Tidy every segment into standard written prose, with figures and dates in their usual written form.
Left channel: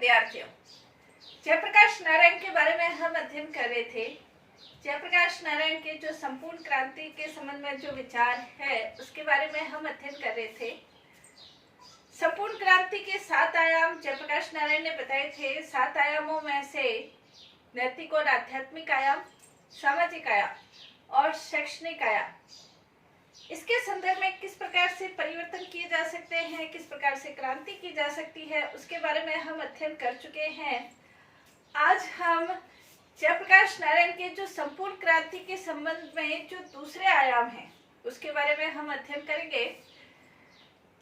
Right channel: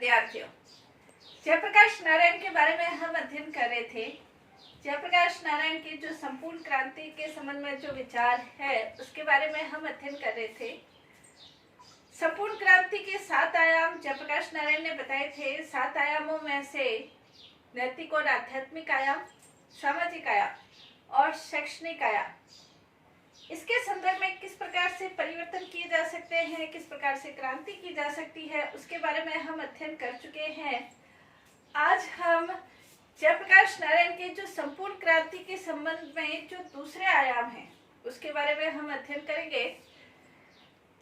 विद्यार्थियों, जयप्रकाश नारायण के बारे में हम अध्ययन कर रहे थे। जयप्रकाश नारायण के जो संपूर्ण क्रांति के संबंध में जो विचार है उसके बारे में हम अध्ययन कर रहे थे। संपूर्ण क्रांति के 7 आयाम जयप्रकाश नारायण ने बताए थे। 7 आयामों में से नैतिक और आध्यात्मिक आयाम, सामाजिक आयाम और शैक्षणिक आयाम, इसके संदर्भ में किस प्रकार से परिवर्तन किए जा सकते हैं, किस प्रकार से क्रांति की जा सकती है, उसके बारे में हम अध्ययन कर चुके हैं। आज हम जयप्रकाश नारायण के जो संपूर्ण क्रांति के संबंध में जो दूसरे आयाम हैं उसके बारे में हम अध्ययन करेंगे।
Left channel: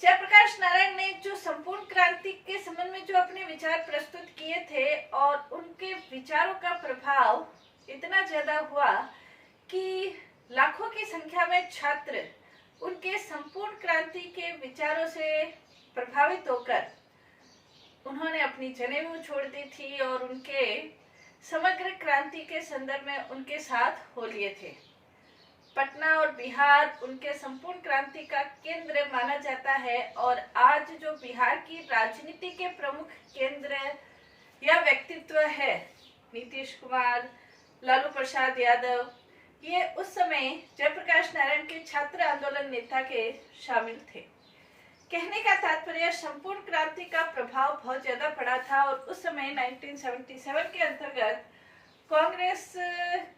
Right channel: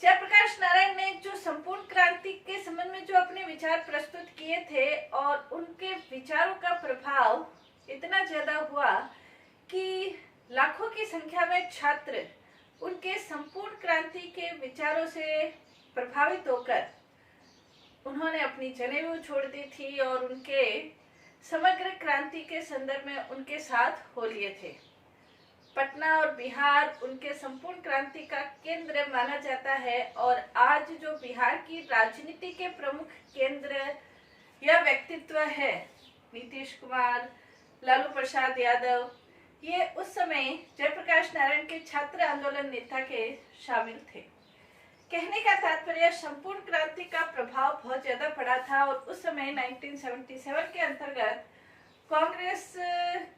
जयप्रकाश नारायण ने जो संपूर्ण क्रांति के संबंध में जो अपने विचार प्रस्तुत किए थे और उनके विचारों का प्रभाव इतना ज्यादा हुआ कि लाखों की संख्या में छात्र उनके संपूर्ण क्रांति के विचारों से प्रभावित होकर उन्होंने अपनी जनेऊ छोड़ दी थी और उनके समग्र क्रांति के संदर्भ में उनके साथ हो लिए थे। पटना और बिहार उनके संपूर्ण क्रांति का केंद्र माना जाता है और आज जो बिहार की राजनीति के प्रमुख केंद्र या व्यक्तित्व है, नीतीश कुमार, लालू प्रसाद यादव, ये उस समय जयप्रकाश नारायण के छात्र आंदोलन नेता के शामिल थे। कहने का तात्पर्य संपूर्ण क्रांति का प्रभाव बहुत ज्यादा पड़ा था और उस समय 1977 के अंतर्गत कांग्रेस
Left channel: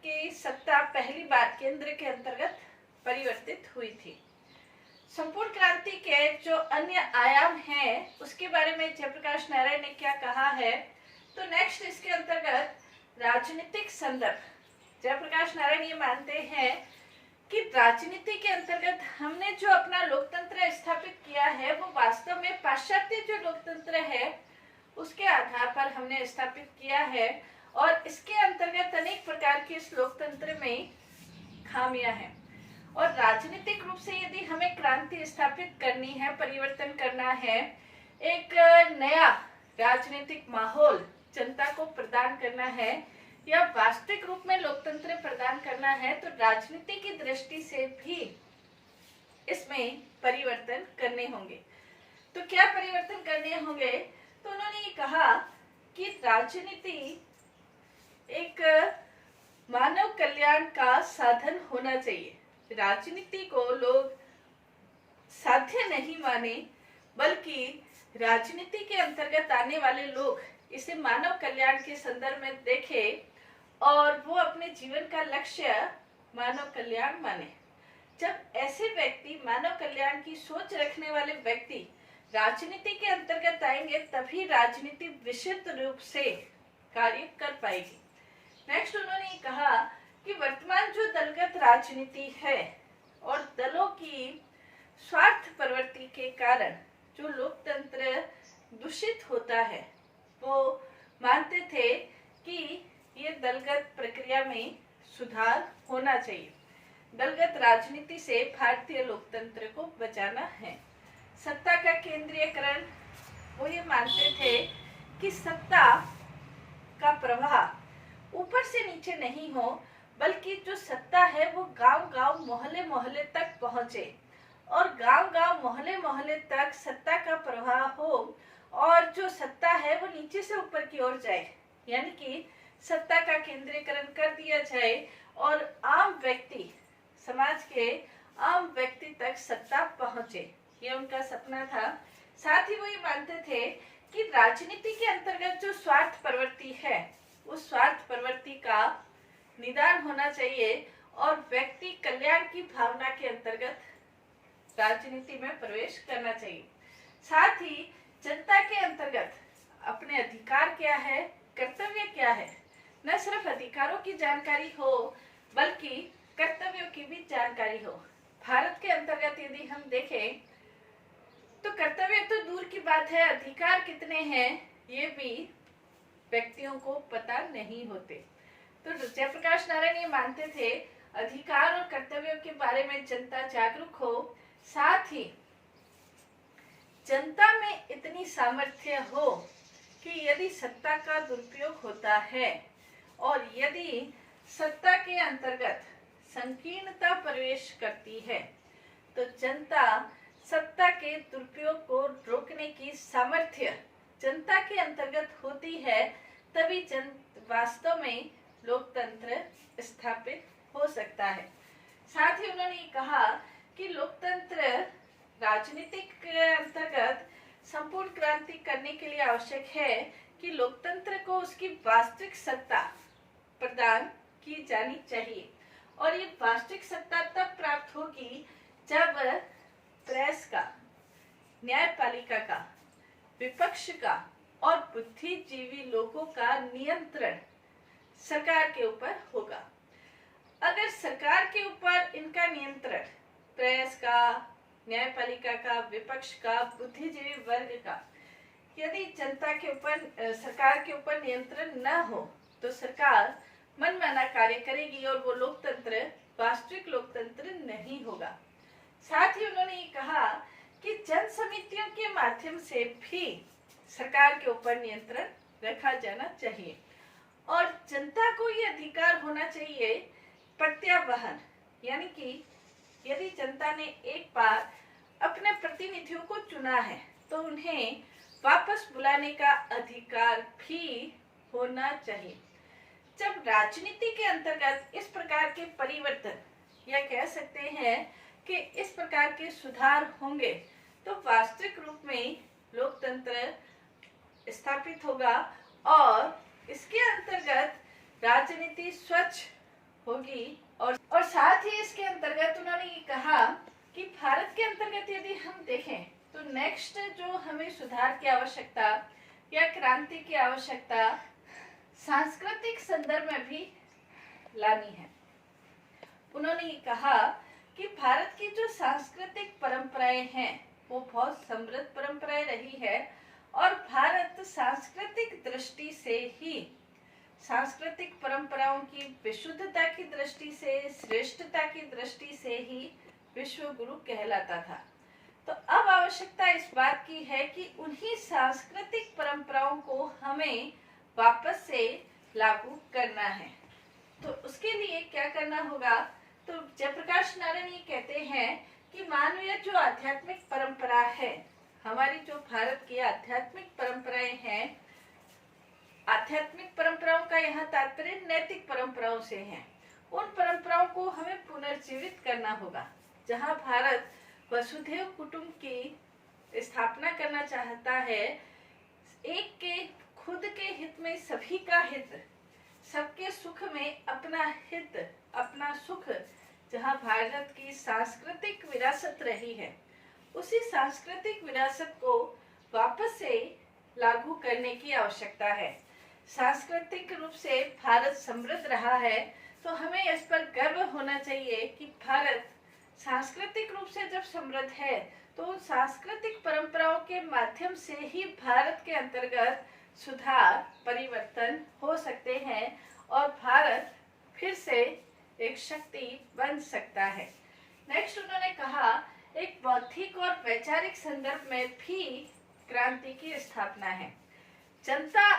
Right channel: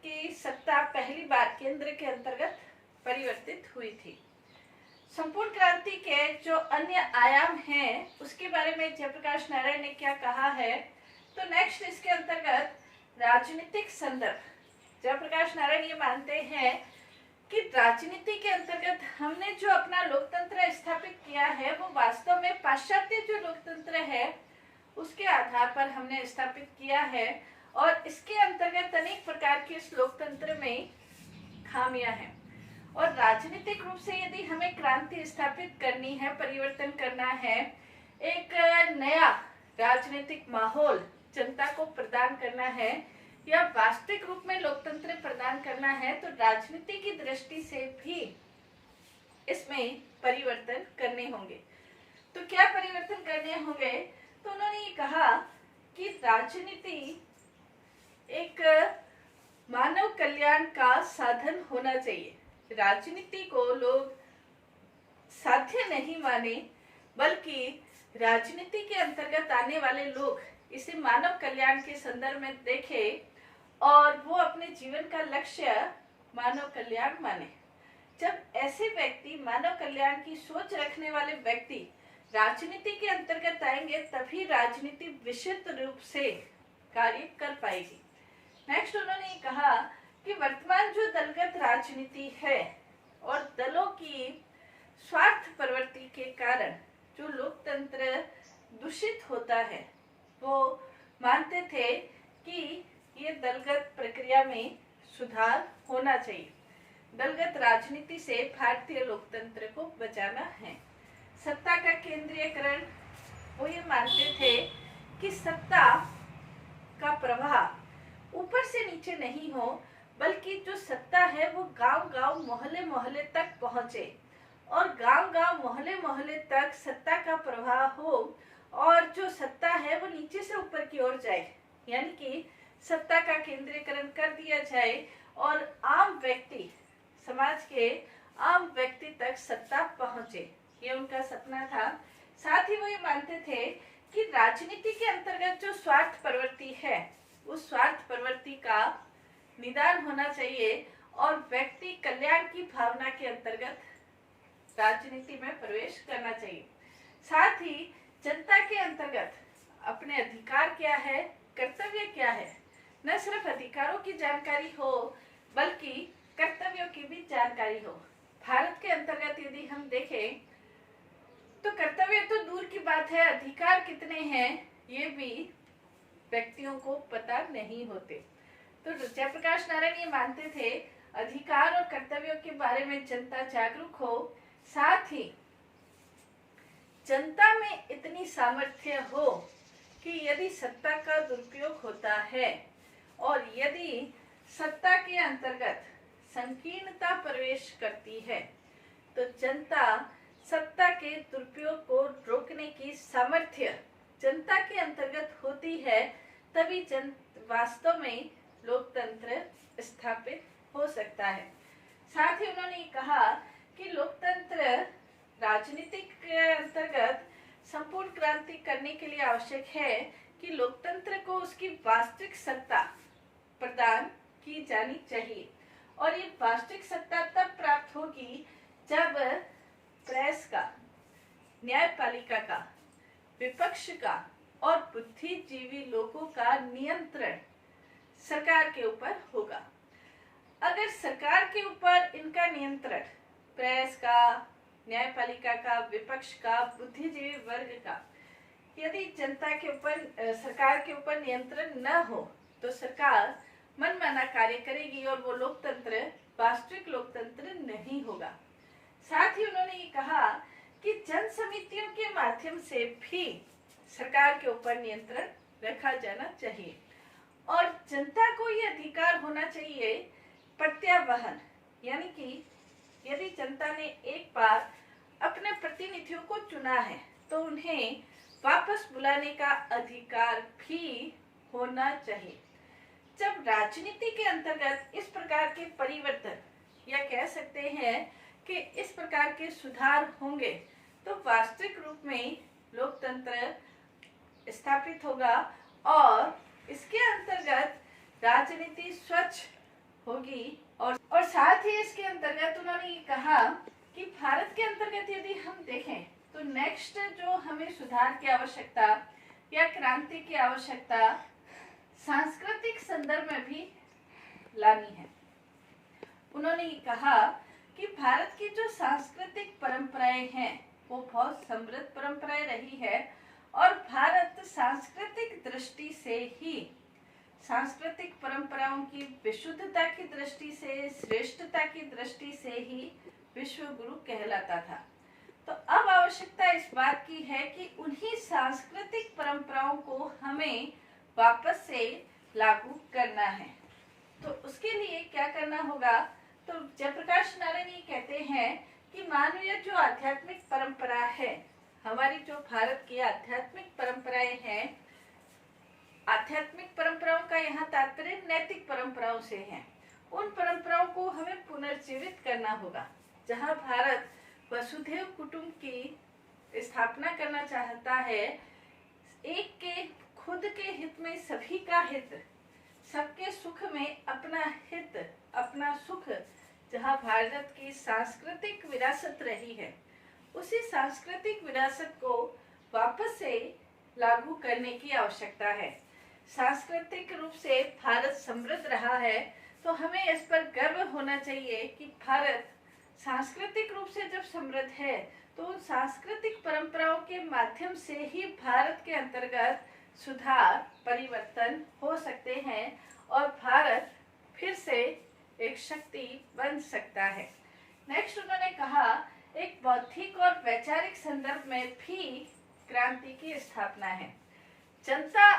की सत्ता पहली बार केंद्र के अंतर्गत परिवर्तित हुई थी। संपूर्ण क्रांति के जो अन्य आयाम हैं उसके बारे में जयप्रकाश नारायण ने क्या कहा है, तो नेक्स्ट इसके अंतर्गत राजनीतिक संदर्भ। जयप्रकाश नारायण ये मानते हैं कि राजनीति के अंतर्गत हमने जो अपना लोकतंत्र स्थापित किया है वो वास्तव में पाश्चात्य जो लोकतंत्र है उसके आधार पर हमने स्थापित किया है और इसके अंतर्गत अनेक प्रकार के इस लोकतंत्र में खामियां हैं और राजनीतिक रूप से यदि हमें क्रांति स्थापित करनी है, परिवर्तन करना है, एक नया राजनीतिक माहौल जनता को प्रदान करना है या वास्तविक रूप में लोकतंत्र प्रदान करना है, तो राजनीति की दृष्टि से भी इसमें परिवर्तन करने होंगे। तो क्या परिवर्तन करने होंगे, तो उन्होंने ये कहा कि राजनीति एक मानव कल्याण का साधन होना चाहिए। राजनीति को लोग साध्य नहीं माने, बल्कि राजनीति के अंतर्गत आने वाले लोग इसे मानव कल्याण के संदर्भ में देखें और वो अपने जीवन का लक्ष्य मानव कल्याण माने। जब ऐसे व्यक्ति, मानव कल्याण की सोच रखने वाले व्यक्ति राजनीति के अंतर्गत आएंगे तभी राजनीति विशुद्ध रूप से कार्य कर पाएगी। नेक्स्ट उन्होंने ये कहा कि वर्तमान जो दलगत राजनीति है और दलों की स्वार्थ प्रवृत्ति के कारण जो लोकतंत्र दूषित होता है, वो मानते थे कि ये दलगत प्रक्रिया में सुधार होना चाहिए। दलगत राजनीति से भारतीय लोकतंत्र को बचाना है। सत्ता का केंद्रीयकरण, वो ये मानते थे कि सत्ता का प्रवाह ऊपर से नीचे नहीं हो, बल्कि जो सत्ता है वो गांव-गांव, मोहल्ले-मोहल्ले तक पहुंचे और गांव-गांव, मोहल्ले-मोहल्ले तक सत्ता का प्रवाह हो और जो सत्ता है वो नीचे से ऊपर की ओर जाए, यानी कि सत्ता का केंद्रीकरण कर दिया जाए और आम व्यक्ति, समाज के आम व्यक्ति तक सत्ता पहुंचे। ये उनका सपना था। साथ ही वो ये मानते थे कि राजनीति के अंतर्गत जो स्वार्थ प्रवृत्ति है उस स्वार्थ प्रवृत्ति का निदान होना चाहिए और व्यक्ति कल्याण की भावना के अंतर्गत राजनीति में प्रवेश करना चाहिए। साथ ही जनता के अंतर्गत अपने अधिकार क्या है, कर्तव्य क्या है, न सिर्फ अधिकारों की जानकारी हो बल्कि कर्तव्यों की भी जानकारी हो। भारत के अंतर्गत यदि हम देखें तो कर्तव्य तो दूर की बात है, अधिकार कितने हैं ये भी व्यक्तियों को पता नहीं होते। तो जयप्रकाश नारायण ये मानते थे अधिकार और कर्तव्यों के बारे में जनता जागरूक हो, साथ ही जनता में इतनी सामर्थ्य हो कि यदि सत्ता का दुरुपयोग होता है और यदि सत्ता के अंतर्गत संकीर्णता प्रवेश करती है तो जनता सत्ता के दुरुपयोग को रोकने की सामर्थ्य जनता के अंतर्गत हो तभी वास्तव में लोकतंत्र स्थापित हो सकता है। साथ ही उन्होंने कहा कि लोकतंत्र राजनीतिक के अंतर्गत संपूर्ण क्रांति करने के लिए आवश्यक है कि लोकतंत्र को उसकी वास्तविक सत्ता प्रदान की जानी चाहिए, और ये वास्तविक सत्ता तब प्राप्त होगी जब प्रेस का, न्यायपालिका का, विपक्ष का और बुद्धिजीवी लोगों का नियंत्रण सरकार के ऊपर होगा। अगर सरकार के ऊपर इनका नियंत्रण, प्रेस का, न्यायपालिका का, विपक्ष का, बुद्धिजीवी वर्ग का, यदि जनता के ऊपर, सरकार के ऊपर नियंत्रण न हो तो सरकार मनमाना कार्य करेगी और वो लोकतंत्र वास्तविक लोकतंत्र नहीं होगा। साथ ही उन्होंने ये कहा कि जन समितियों के माध्यम से भी सरकार के ऊपर नियंत्रण रखा जाना चाहिए और जनता को ये अधिकार होना चाहिए प्रत्यावहन, यानी कि यदि जनता ने एक बार अपने प्रतिनिधियों को चुना है तो उन्हें वापस बुलाने का अधिकार भी होना चाहिए। जब राजनीति के अंतर्गत इस प्रकार के परिवर्तन या कह सकते हैं कि इस प्रकार के सुधार होंगे तो वास्तविक रूप में लोकतंत्र स्थापित होगा और इसके अंतर्गत राजनीति स्वच्छ होगी। और साथ ही इसके अंतर्गत उन्होंने ये कहा कि भारत के अंतर्गत यदि हम देखें तो नेक्स्ट जो हमें सुधार की आवश्यकता या क्रांति की आवश्यकता सांस्कृतिक संदर्भ में भी लानी है। उन्होंने ये कहा कि भारत की जो सांस्कृतिक परंपराएं हैं वो बहुत समृद्ध परंपराएं रही है और भारत सांस्कृतिक दृष्टि से ही, सांस्कृतिक परंपराओं की विशुद्धता की दृष्टि से, श्रेष्ठता की दृष्टि से ही विश्व गुरु कहलाता था। तो अब आवश्यकता इस बात की है कि उन्हीं सांस्कृतिक परंपराओं को हमें वापस से लागू करना है। तो उसके लिए क्या करना होगा? तो जयप्रकाश नारायण ये कहते हैं कि मानवीय जो आध्यात्मिक परंपरा है, हमारी जो भारत की आध्यात्मिक परंपराएं हैं, आध्यात्मिक परंपराओं का यहाँ तात्पर्य नैतिक परंपराओं से है, उन परंपराओं को हमें पुनर्जीवित करना होगा। जहाँ भारत वसुधैव कुटुंब की स्थापना करना चाहता है, एक के खुद के हित में सभी का हित, सबके सुख में अपना हित, अपना सुख, जहाँ भारत की सांस्कृतिक विरासत रही है, उसी सांस्कृतिक विरासत को वापस से लागू करने की आवश्यकता है। सांस्कृतिक रूप से भारत समृद्ध रहा है तो हमें इस पर गर्व होना चाहिए कि भारत सांस्कृतिक रूप से जब समृद्ध है तो उन सांस्कृतिक परंपराओं के माध्यम से ही भारत के अंतर्गत सुधार, परिवर्तन हो सकते हैं और भारत फिर से एक शक्ति बन सकता है। नेक्स्ट उन्होंने कहा एक बौद्धिक और वैचारिक संदर्भ में भी क्रांति की स्थापना है। जनता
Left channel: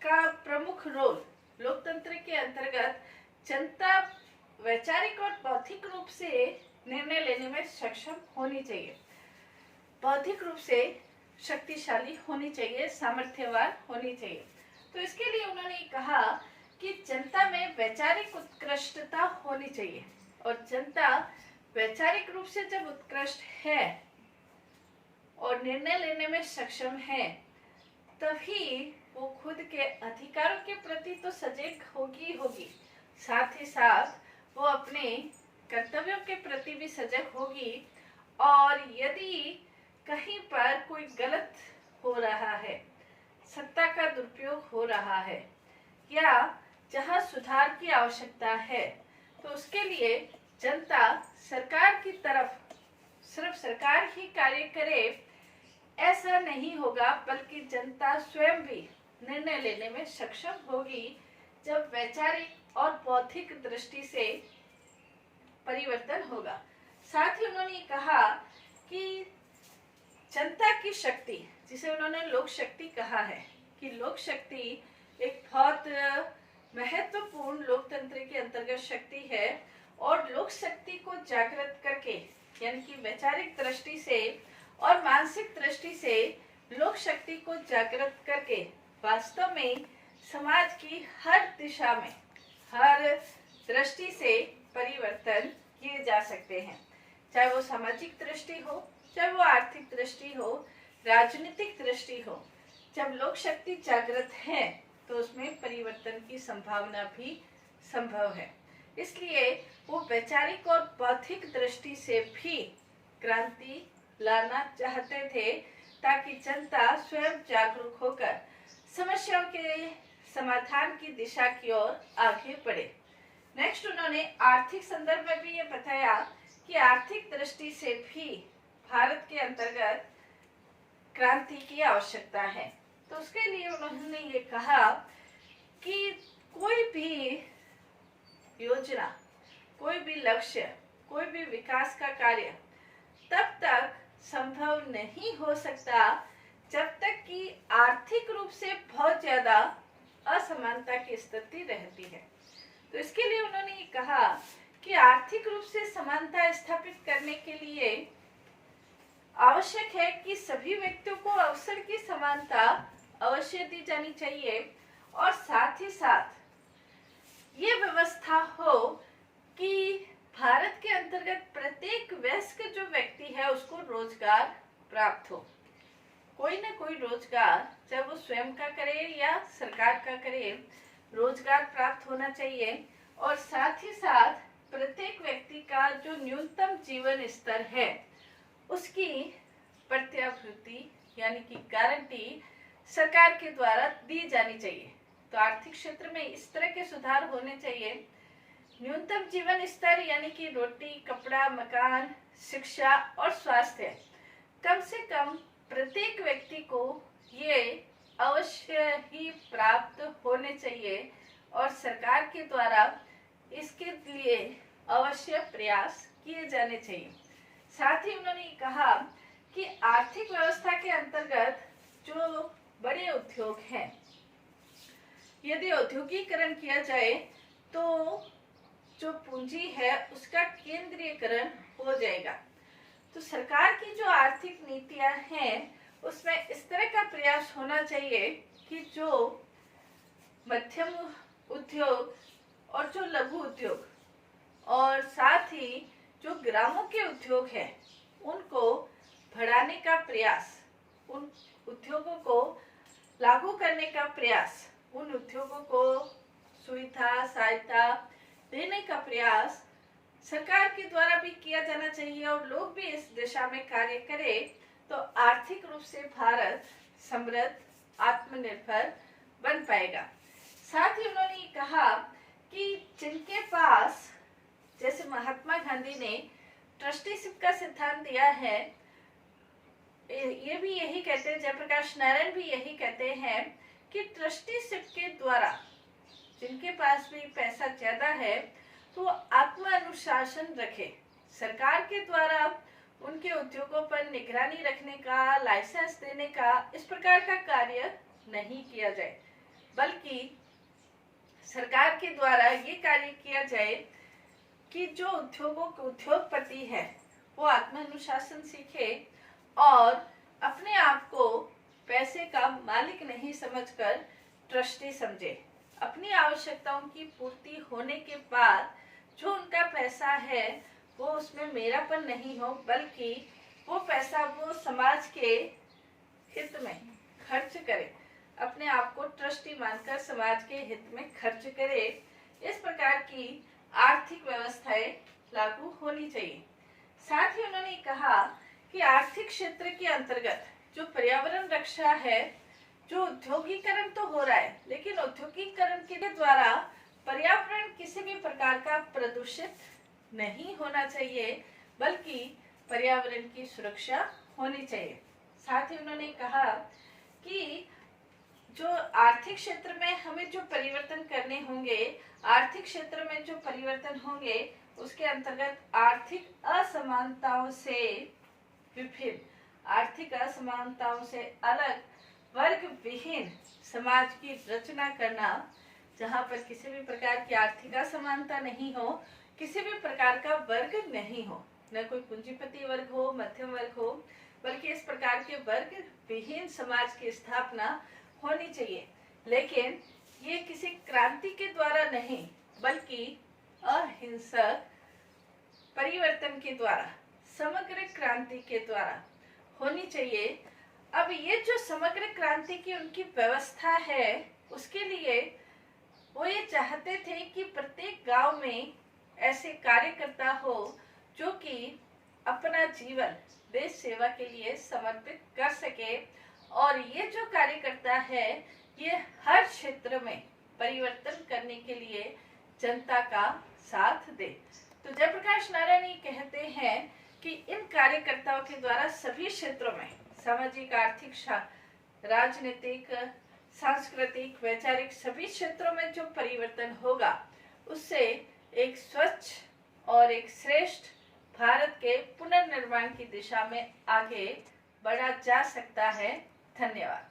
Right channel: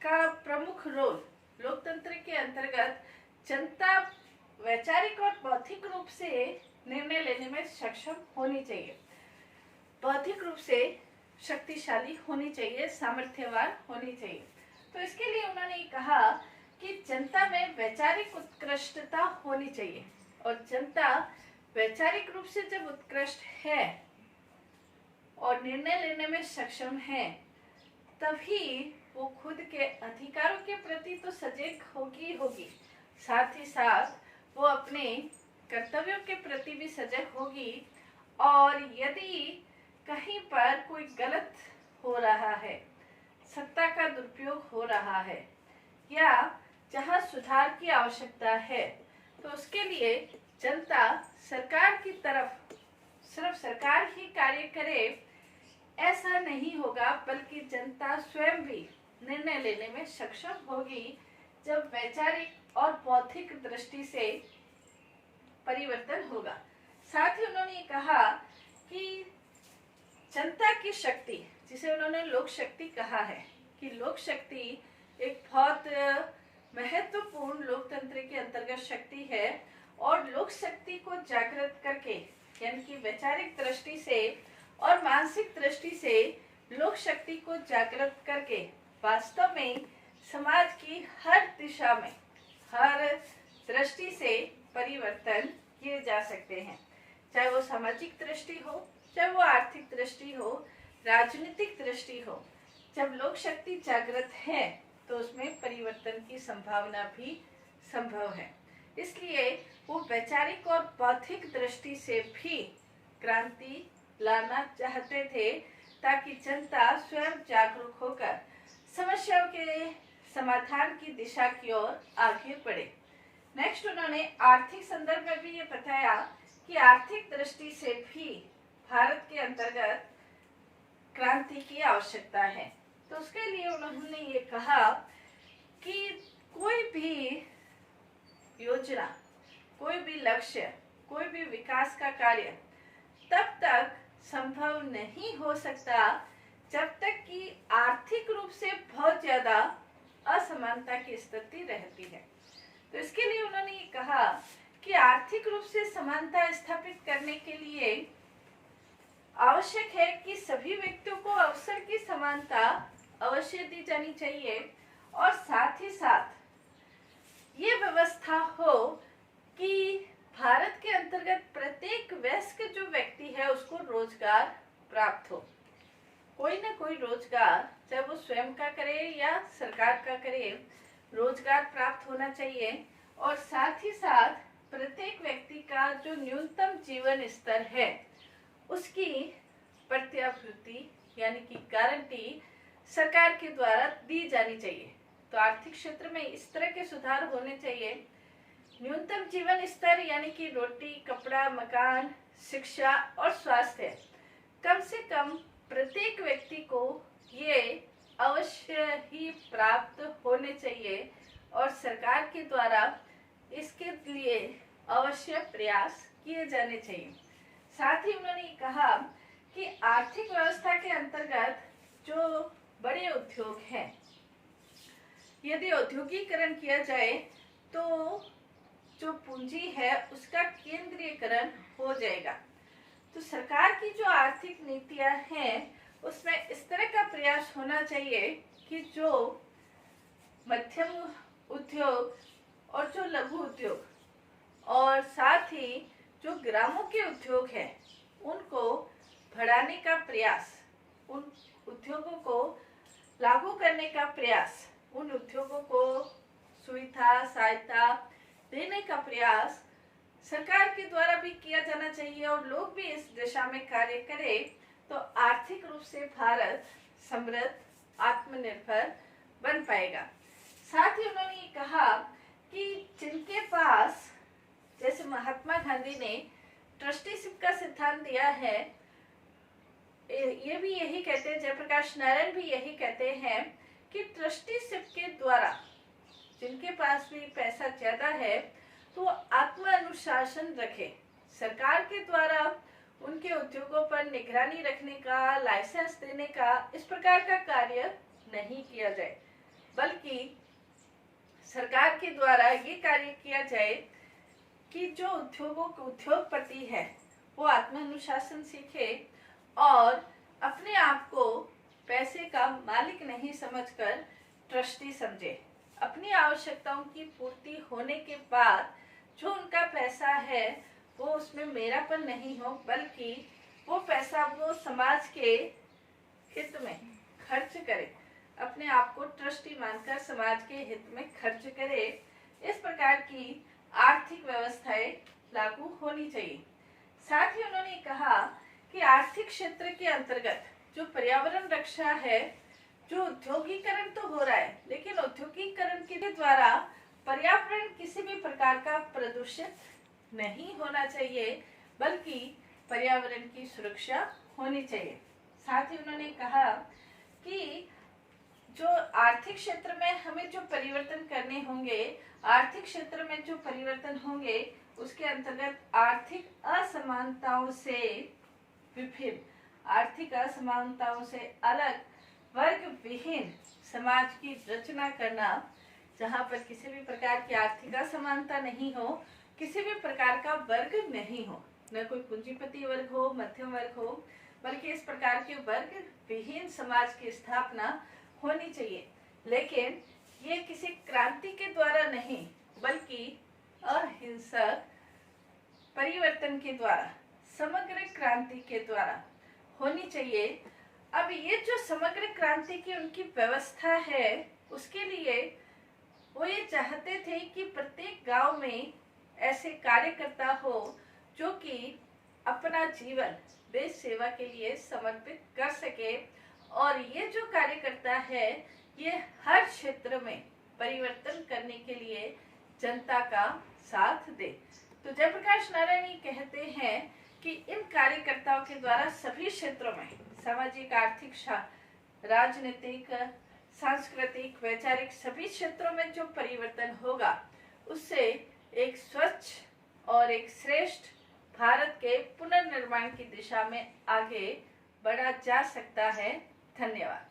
का प्रमुख रोल लोकतंत्र के अंतर्गत, जनता वैचारिक और बौद्धिक रूप से निर्णय लेने में सक्षम होनी चाहिए, बौद्धिक रूप से शक्तिशाली होनी चाहिए, सामर्थ्यवान होनी चाहिए। तो इसके लिए उन्होंने कहा कि जनता में वैचारिक उत्कृष्टता होनी चाहिए और जनता वैचारिक रूप से जब उत्कृष्ट है और निर्णय लेने में सक्षम है, तभी वो खुद के अधिकारों के प्रति तो सजग होगी, साथ ही साथ वो अपने कर्तव्यों के प्रति भी सजग होगी। और यदि कहीं पर कोई गलत हो रहा है, सत्ता का दुरुपयोग हो रहा है या जहां सुधार की आवश्यकता है, तो उसके लिए जनता सरकार की तरफ, सिर्फ सरकार ही कार्य करे ऐसा नहीं होगा, बल्कि जनता स्वयं भी निर्णय लेने में सक्षम होगी जब वैचारिक और बौद्धिक दृष्टि से परिवर्तन होगा। साथ ही उन्होंने कहा कि जनता की शक्ति, जिसे उन्होंने लोक शक्ति कहा है, कि लोक शक्ति एक बहुत महत्वपूर्ण लोकतंत्र के अंतर्गत शक्ति है और लोक शक्ति को जागृत करके, यानी कि वैचारिक दृष्टि से और मानसिक दृष्टि से लोक शक्ति को जागृत करके वास्तव में समाज की हर दिशा में, हर दृष्टि से परिवर्तन किए जा सकते हैं। चाहे वो सामाजिक दृष्टि हो, चाहे वो आर्थिक दृष्टि हो, राजनीतिक दृष्टि हो। जब लोक शक्ति जागृत है तो उसमें परिवर्तन की संभावना भी संभव है। इसलिए वो वैचारिक और बौद्धिक दृष्टि से भी क्रांति लाना चाहते थे, ताकि जनता स्वयं जागरूक होकर समस्याओं के समाधान की दिशा की ओर आगे बढ़े। नेक्स्ट उन्होंने आर्थिक संदर्भ में भी ये बताया कि आर्थिक दृष्टि से भी भारत के अंतर्गत क्रांति की आवश्यकता है। तो उसके लिए उन्होंने ये कहा कि कोई भी योजना, कोई भी लक्ष्य, कोई भी विकास का कार्य तब तक संभव नहीं हो सकता जब तक कि आर्थिक रूप से बहुत ज्यादा असमानता की स्थिति रहती है। तो इसके लिए उन्होंने ये कहा कि आर्थिक रूप से समानता स्थापित करने के लिए आवश्यक है कि सभी व्यक्तियों को अवसर की समानता अवश्य दी जानी चाहिए, और साथ ही साथ ये व्यवस्था हो कि भारत के अंतर्गत प्रत्येक वयस्क जो व्यक्ति है उसको रोजगार प्राप्त हो। कोई ना कोई रोजगार, चाहे वो स्वयं का करे या सरकार का करे, रोजगार प्राप्त होना चाहिए। और साथ ही साथ प्रत्येक व्यक्ति का जो न्यूनतम जीवन स्तर है उसकी प्रत्याभूति यानी कि गारंटी सरकार के द्वारा दी जानी चाहिए। तो आर्थिक क्षेत्र में इस तरह के सुधार होने चाहिए। न्यूनतम जीवन स्तर यानी कि रोटी, कपड़ा, मकान, शिक्षा और स्वास्थ्य कम से कम प्रत्येक व्यक्ति को ये अवश्य ही प्राप्त होने चाहिए, और सरकार के द्वारा इसके लिए अवश्य प्रयास किए जाने चाहिए। साथ ही उन्होंने कहा कि आर्थिक व्यवस्था के अंतर्गत जो बड़े उद्योग हैं, यदि औद्योगिकरण किया जाए तो जो पूंजी है उसका केंद्रीयकरण हो जाएगा। तो सरकार की जो आर्थिक नीतियां हैं उसमें इस तरह का प्रयास होना चाहिए कि जो मध्यम उद्योग और जो लघु उद्योग और साथ ही जो ग्रामों के उद्योग हैं उनको बढ़ाने का प्रयास, उन उद्योगों को लागू करने का प्रयास, उन उद्योगों को सुविधा सहायता देने का प्रयास सरकार के द्वारा भी किया जाना चाहिए, और लोग भी इस दिशा में कार्य करें तो आर्थिक रूप से भारत समृद्ध, आत्मनिर्भर बन पाएगा। साथ ही उन्होंने ये कहा कि जिनके पास, जैसे महात्मा गांधी ने ट्रस्टीशिप का सिद्धांत दिया है, ये भी यही कहते हैं, जयप्रकाश नारायण भी यही कहते हैं कि ट्रस्टीशिप के द्वारा जिनके पास भी पैसा ज्यादा है तो आत्म अनुशासन रखे। सरकार के द्वारा उनके उद्योगों पर निगरानी रखने का, लाइसेंस देने का, इस प्रकार का कार्य नहीं किया जाए, बल्कि सरकार के द्वारा ये कार्य किया जाए कि जो उद्योगपति है वो आत्म अनुशासन सीखे और अपने आप को पैसे का मालिक नहीं समझकर ट्रस्टी समझे। अपनी आवश्यकताओं की पूर्ति होने के बाद जो उनका पैसा है वो उसमें मेरापन नहीं हो, बल्कि वो पैसा वो समाज के हित में खर्च करे, अपने आप को ट्रस्टी मानकर समाज के हित में खर्च करे। इस प्रकार की आर्थिक व्यवस्थाएं लागू होनी चाहिए। साथ ही उन्होंने कहा कि आर्थिक क्षेत्र के अंतर्गत जो पर्यावरण रक्षा है, जो औद्योगिकरण तो हो रहा है, लेकिन औद्योगिकरण के द्वारा पर्यावरण किसी भी प्रकार का प्रदूषित नहीं होना चाहिए, बल्कि पर्यावरण की सुरक्षा होनी चाहिए। साथ ही उन्होंने कहा कि जो आर्थिक क्षेत्र में हमें जो परिवर्तन करने होंगे, आर्थिक क्षेत्र में जो परिवर्तन होंगे उसके अंतर्गत आर्थिक असमानताओं से विभिन्न, आर्थिक असमानताओं से अलग वर्ग विहीन समाज की रचना करना, जहाँ पर किसी भी प्रकार की आर्थिक असमानता नहीं हो, किसी भी प्रकार का वर्ग नहीं हो, न कोई पूंजीपति वर्ग हो, मध्यम वर्ग हो, बल्कि इस प्रकार के वर्ग विहीन समाज की स्थापना होनी चाहिए। लेकिन ये किसी क्रांति के द्वारा नहीं बल्कि अहिंसक परिवर्तन के द्वारा, समग्र क्रांति के द्वारा होनी चाहिए। अब ये जो समग्र क्रांति की उनकी व्यवस्था है, उसके लिए वो ये चाहते थे कि प्रत्येक गांव में ऐसे कार्यकर्ता हो जो कि अपना जीवन देश सेवा के लिए समर्पित कर सके, और ये जो कार्यकर्ता है ये हर क्षेत्र में परिवर्तन करने के लिए जनता का साथ दे। तो जयप्रकाश नारायण ये कहते हैं कि इन कार्यकर्ताओं के द्वारा सभी क्षेत्रों में सामाजिक, आर्थिक, राजनीतिक, सांस्कृतिक, वैचारिक सभी क्षेत्रों में जो परिवर्तन होगा उससे एक स्वच्छ और एक श्रेष्ठ भारत के पुनर्निर्माण की दिशा में आगे बढ़ा जा सकता है। धन्यवाद।